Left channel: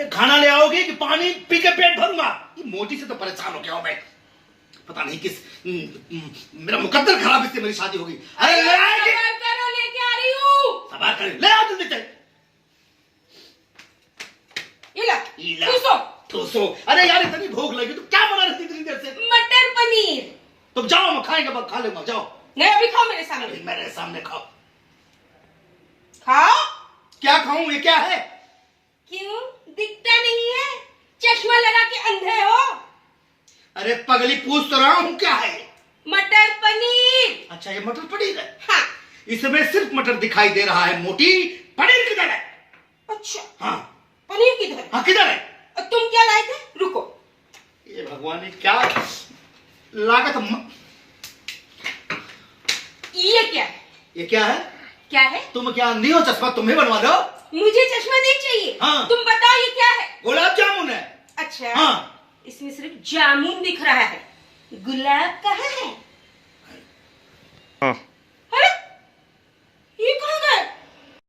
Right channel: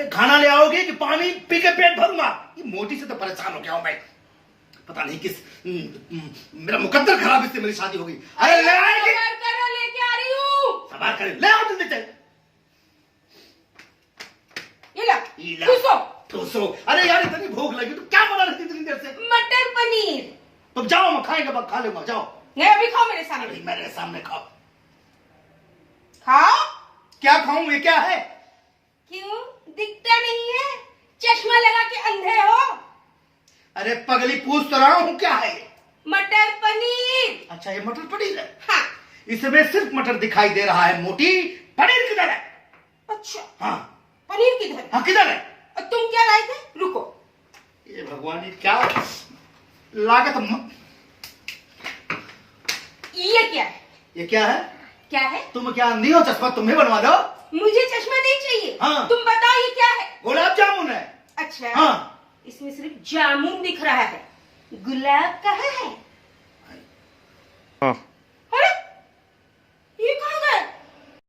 अरे खाना ले आओगे कि पानी पी के पेट भरूंगा? ये मोटी से तो परेशान हो गया हूं मैं। पता नहीं किस मेरा मुकद्दर खराब इससे मेरी शादी होगी। अरे ले आएगी, लेके आ रही हूँ। सवार कर ले आओ जल्दी से। ठूसो। अरे यार इतनी भूख लगी तो क्या बना रही थी इतनी देर से? मटर पनीर। तुम जाओ, मैं खाएंगे, खा लूंगा, जाओ। नहीं अभी खाओ मेरे सामने। मेरे सामने खाओ। खाओ। क्या खाऊं? ये क्या है? क्यों दिखता नहीं है? चश्मा लगा के अंधे हो? अरे पगली पूछ तो रहा हूँ क्या है? मटर पनीर। अच्छा ये मटर पनीर है? हाँ। इसमें सिर्फ मटर दिखाई दे रहा है मोटी। पनीर किधर है? अच्छा हाँ पनीर किधर? हाँ किधर है? और तुम क्या लाए थे? रुको। ये भगवान ये क्या लागत ये क्या है? ये क्या है? क्या है? तुम क्या अंधी हो? चश्मा तुम्हें बनवा दो। मुझे चश्मा नहीं चाहिए। हाँ। तुम बताओ ये क्या है? गुलाब जामुन है। अच्छा हाँ। इसमें सिर्फ जामुन दिख रहा है, गुलाब कहाँ है? हाँ